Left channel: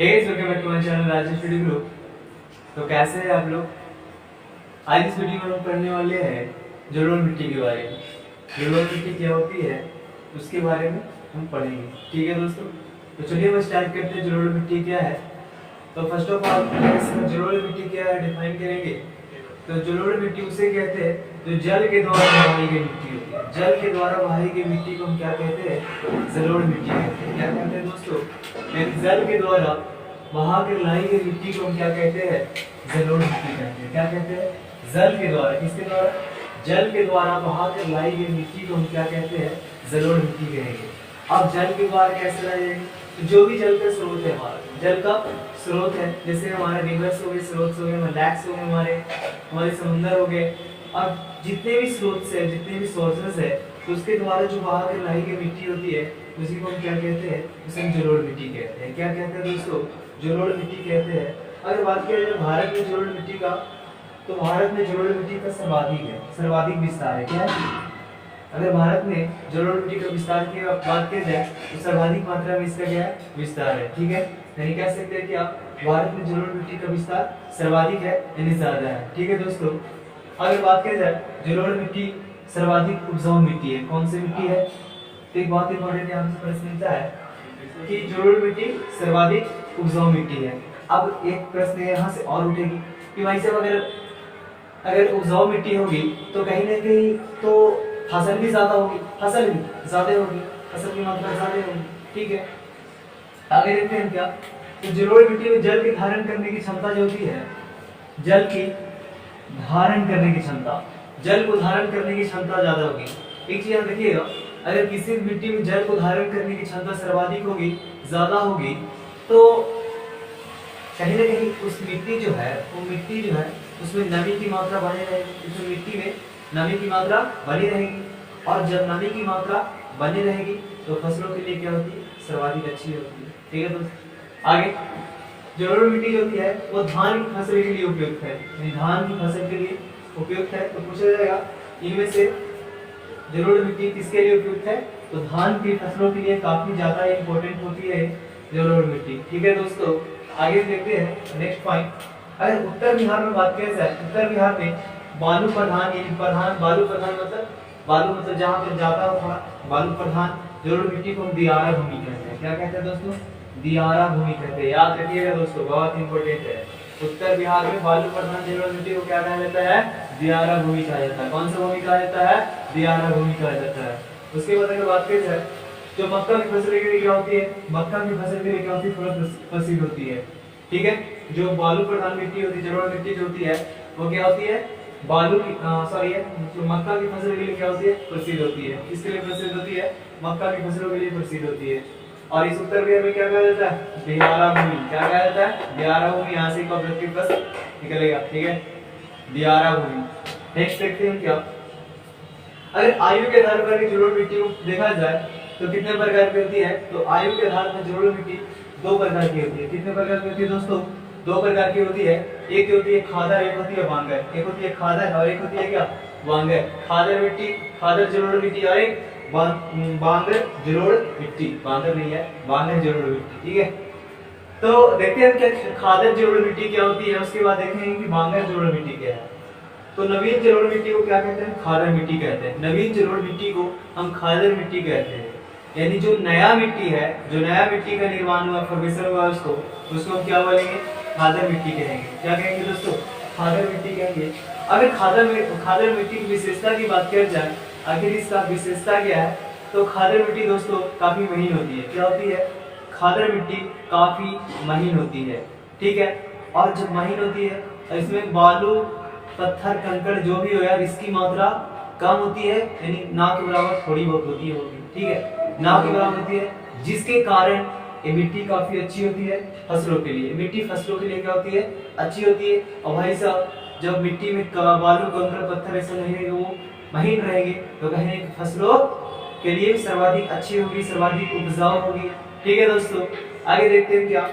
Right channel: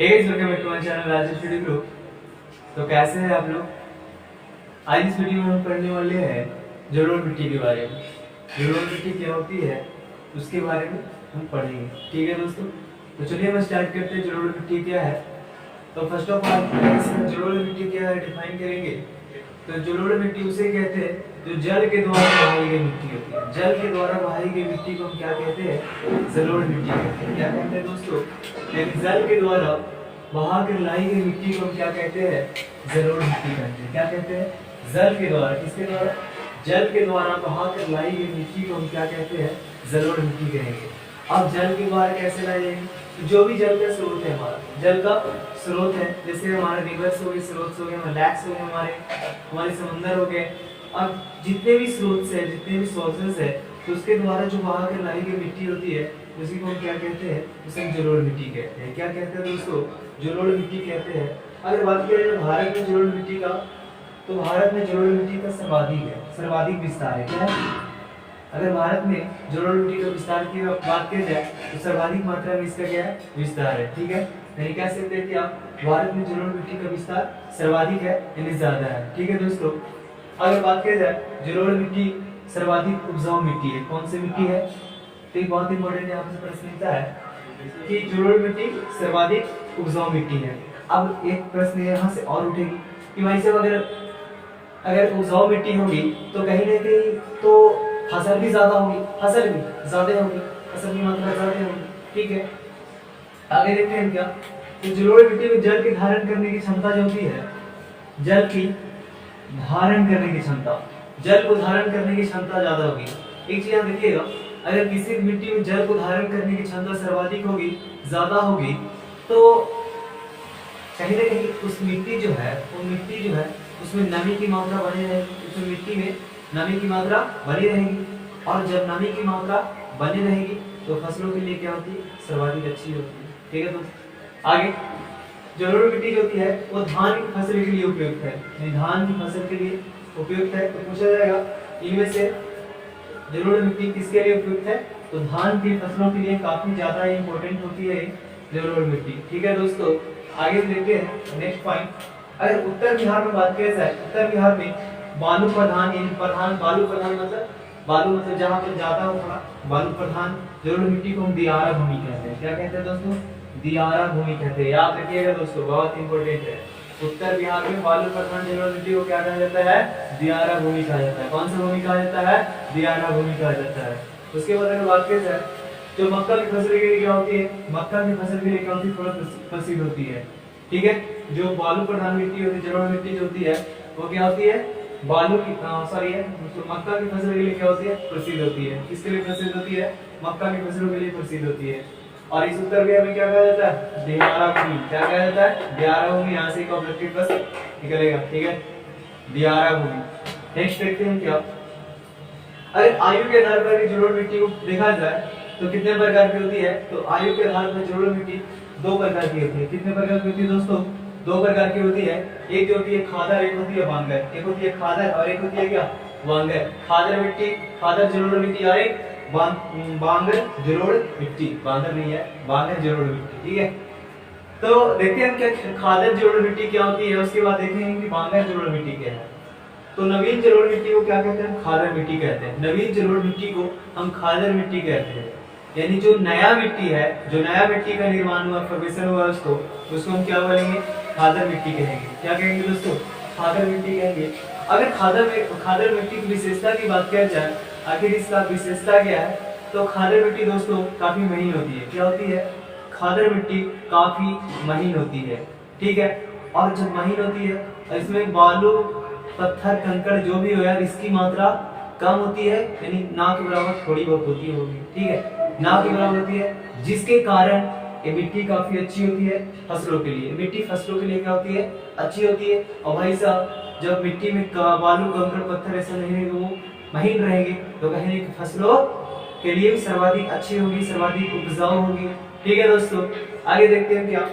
Welcome back to my channel Rajesh study group. तो कैसे हैं आप लोग। आज इस वीडियो में हम पढ़ने वाले हैं जलोढ़ मिट्टी के बारे में। जलोढ़ मिट्टी क्या होती है उसके बारे में हम पढ़ेंगे। ठीक है दोस्तों, तो चलिए हम स्टार्ट करते हैं। जलोढ़ मिट्टी क्या है, तो फर्स्ट ऑफ ऑल जलोढ़ मिट्टी क्या है डिफाइन करेंगे। तो जलोढ़ मिट्टी उसे कहते हैं जो जल के द्वारा बहाई गई मिट्टी होती है। जल के द्वारा बहाई गई मिट्टी को हम क्या कहते हैं, जलोढ़ मिट्टी कहते हैं। क्या कहते हैं दोस्तों, यानी जल के द्वारा बहा कर लाई गई मिट्टी को हम क्या कहते हैं, जलोढ़ मिट्टी कहते हैं। क्या कहते हैं, जल के द्वारा, किसके द्वारा, जल के द्वारा बहा कर लाई गई मिट्टी को हम क्या कहते हैं, जलोढ़ मिट्टी कहेंगे। अब जल के द्वारा कैसे लाई जाएगी, तो जो भी जल का स्रोत है, हमारा जल का स्रोत है, जैसे हमारा रिवर्स हो गए, स्रोत हो गए, लैक्स हो गए, हमारे समुंदर हो गए, और जितने भी स्रोत है, जितने भी सोर्सेस है, तो उसके द्वारा जो बहा कर लाई गई मिट्टी होती है उसी को हम क्या कहते हैं, उसे हम जलोढ़ मिट्टी कहते हैं। क्या कहते हैं दोस्तों, जलोढ़ मिट्टी कहते हैं। अगर बात किया जाए भारत में जलोढ़ मिट्टी का, तो भारत में जलोढ़ मिट्टी का सर्वाधिक विस्तार है। क्या है, अगर भारत में जलोढ़ मिट्टी का विस्तार की बात की जाए तो सर्वाधिक मात्रा में इसका क्या है, विस्तार है। ठीक है, यानी कह सकते हैं कि आप भारत में जलोढ़ मिट्टी का विस्तार सर्वाधिक है, यानी ज्यादा है। ठीक है दोस्तों, अगर बात की जाए जलोढ़ मिट्टी सर्वाधिक उपजाऊ मिट्टी है। कौन सी मिट्टी है, तो एक बहुत इंपॉर्टेंट यहाँ से प्रश्न मिलता है कि जलोढ़ मिट्टी सर्वाधिक उपजाऊ मिट्टी है। अब एक प्रश्न यहाँ से और उठेगी कि भाई साहब अगर उपजाऊ मिट्टी होगी तो कहीं ना कहीं तो फसल भी ज्यादा होगी, फसल भी ज्यादा होगी, फसल की मात्रा ज्यादा होगी। ठीक है, आगे देखते हैं क्या, तो जलोढ़ मिट्टी में जल की धारण करने की क्षमता जो होती है, जल की धारण करने की क्षमता, जल को धारण करने की क्षमता ज्यादा होगी। एक चीज आप देखिएगा, अगर किसी मिट्टी में जल को धारण करने की क्षमता सर्वाधिक होगी, ज्यादा होगी, तो कहीं ना कहीं उस मिट्टी जो है, वो मिट्टी जो है उसमें नमी की मात्रा बनी रहेगी, उस मिट्टी में नमी की मात्रा बनी रहेगी, और जब नमी की मात्रा बनी रहेगी तो फसलों के लिए क्या होती है, सर्वाधिक अच्छी होती है। ठीक है दोस्तों, आगे जलोढ़ मिट्टी जो होती है वो धान की फसल के लिए उपयुक्त है, यानी धान की फसल के लिए उपयुक्त है। तो पूछा जाएगा इनमें से जलोढ़ मिट्टी किसके लिए उपयुक्त है, तो धान की फसलों के लिए काफी ज्यादा इंपॉर्टेंट होती है जलोढ़ मिट्टी। ठीक है दोस्तों, आगे देखते हैं नेक्स्ट पॉइंट। अगर उत्तर बिहार में बात किया जाए, उत्तर बिहार में बालू प्रधान, यानी प्रधान बालू प्रधान मतलब बालू मतलब जहाँ पे ज्यादा हो थोड़ा बालू प्रधान जलोढ़ मिट्टी को हम दियारा भूमि कहते हैं। क्या कहते हैं दोस्तों, दियारा भूमि कहते हैं। याद रखिएगा दोस्तों, बहुत इंपॉर्टेंट है। उत्तर बिहार में बालू प्रधान जलोढ़ मिट्टी को क्या कहा जाता है, दियारा भूमि कहा जाता है। कौन सा भूमि कहा जाता है, दियारा भूमि कहा जाता है। उसके बाद अगर बात की जाए जो मक्का की फसल के लिए क्या होती है, मक्का की फसल के लिए क्या होती है, थोड़ा प्रसिद्ध होती है। ठीक है, जो बालू प्रधान मिट्टी होती है, जलोढ़ मिट्टी जो होती है वो क्या होती है, बालू की सॉरी है तो मक्का की फसल के लिए क्या होती है, प्रसिद्ध होती है। किसके लिए प्रसिद्ध होती है, मक्का की फसलों के लिए प्रसिद्ध होती है। और इस उत्तर बिहार में क्या कहा जाता है, दियारा भूमि। क्या कहा जाता है, दियारा भूमि। यहाँ से एक ऑब्जेक्टिव प्रश्न निकलेगा। ठीक है, दियारा भूमि। नेक्स्ट देखते हैं क्या, अगर आयु के आधार पर जलोढ़ मिट्टी को देखा जाए तो कितने प्रकार की होती है, तो आयु के आधार पर जलोढ़ मिट्टी दो प्रकार की होती है। कितने प्रकार की होती है दोस्तों, दो प्रकार की होती है। एक जो होती है खादर, एक होती है बांगर। एक होती है खादर और एक होती है क्या, बांगर। खादर मिट्टी, खादर जलोढ़ मिट्टी, और एक बांगर जलोढ़ मिट्टी। बांगर नहीं है, बांगर जलोढ़ मिट्टी। ठीक है, तो देखते हैं क्या खादर जलोढ़ मिट्टी क्या होती है, उसके बाद देखेंगे कि बांगर जलोढ़ मिट्टी क्या है। तो नवीन जलोढ़ मिट्टी को क्या कहते हैं, खादर मिट्टी कहते हैं। नवीन जलोढ़ मिट्टी को हम खादर मिट्टी कहते हैं, यानी जो नया मिट्टी है, जो नया मिट्टी का निर्माण हुआ, फॉर्मेशन हुआ, उसको हम क्या बोलेंगे, खादर मिट्टी कहेंगे। क्या कहेंगे दोस्तों, खादर मिट्टी कहेंगे। अगर खादर मिट्टी की विशेषता की बात किया जाए, आखिर इसका विशेषता क्या है, तो खादर मिट्टी दोस्तों काफी महीन होती है। क्या होती है, खादर मिट्टी काफी महीन होती है। ठीक है, और जब महीन होती है और इसमें बालू पत्थर कंकड़ जो भी हो यार, इसकी मात्रा कम होती है, यानी ना के बराबर थोड़ी बहुत होती है होगी। ठीक है, ना के बराबर होती है, जिसके कारण ये मिट्टी काफी अच्छी होती है फसलों के लिए। मिट्टी फसलों के लिए क्या होती है, अच्छी होती है। और भाई साहब जब मिट्टी में बालू कंकड़ पत्थर ऐसा नहीं रहेगा, वो महीन रहेंगे, तो कहेंगे फसलों के लिए भी सर्वाधिक अच्छी होगी, सर्वाधिक उपजाऊ होगी। ठीक है दोस्तों, आगे देखते हैं क्या,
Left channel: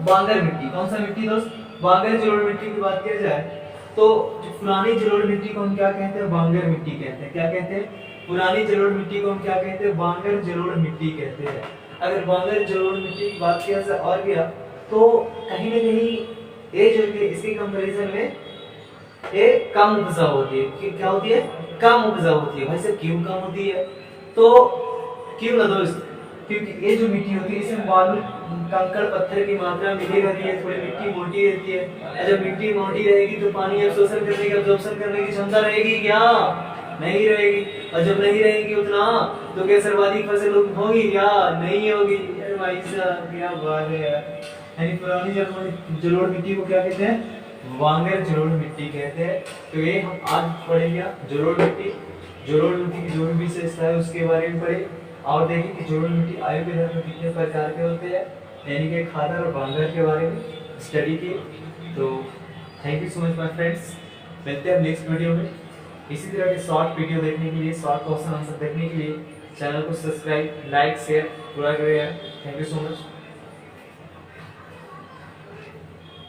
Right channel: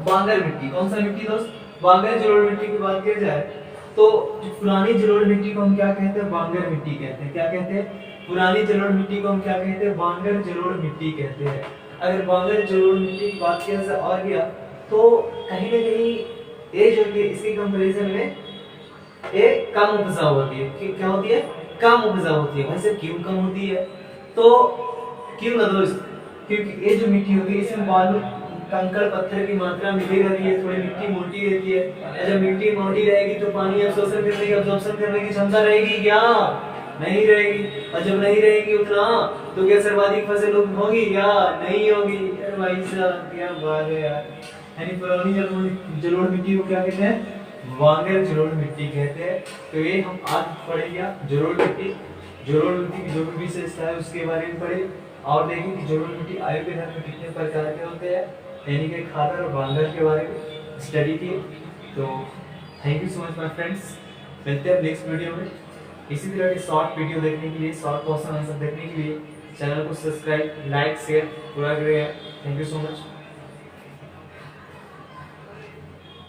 बांगर मिट्टी। कौन सा मिट्टी दोस्त, बांगर जलोढ़ मिट्टी की बात की जाए तो जो पुरानी जलोढ़ मिट्टी को हम क्या कहते हैं, बांगर मिट्टी कहते हैं। क्या कहते हैं, पुरानी जलोढ़ मिट्टी को हम क्या कहते हैं, बांगर जलोढ़ मिट्टी कहते हैं। अगर बांगर जलोढ़ मिट्टी की बात किया जाए और किया तो कहीं ना कहीं ये जो कि इसके कंपैरिजन में ये कम उपजाऊ होती है। क्या होती है? कम उपजाऊ होती है। भाई साहब क्यों कम होती है? तो क्यों ना दोस्त, क्योंकि ये जो मिट्टी होती है इसमें बालू कंकड़ पत्थर की मात्रा मिली रहती है, थोड़ी मिट्टी मोटी रहती है। और जब मिट्टी मोटी रहेगी तो पानी अब्सॉर्प्शन करने की क्षमता रहेगी क्या? नहीं रहेगी। और जब नहीं रहेगी उतना तो क्या सर्वाधिक फसल होगी क्या? नहीं होगी। अरे भाई साहब क्या बात है यार। यानी पुरानी जलोढ़ मिट्टी को क्या कहते हैं? वांगर जलोढ़ मिट्टी कहते हैं। तो ये हम आज पढ़ेंगे जलोढ़ मिट्टी की जो भी विशेषता है उसके बारे में पढ़े और देखें कि जलोढ़ मिट्टी आयु के धर्म में कितने प्रकार के होते हैं, यानी कि खादर और वांगर के बारे में स्टडी की। तो thank you so much my friends, मिलते हैं नेक्स्ट वीडियो में। इसी तरह के शॉर्ट वीडियो देखने के लिए, शॉर्ट क्वेश्चन आंसर देखने के लिए चैनल को सब्सक्राइब, लाइक, शेयर पूरा करें। Thank you so much.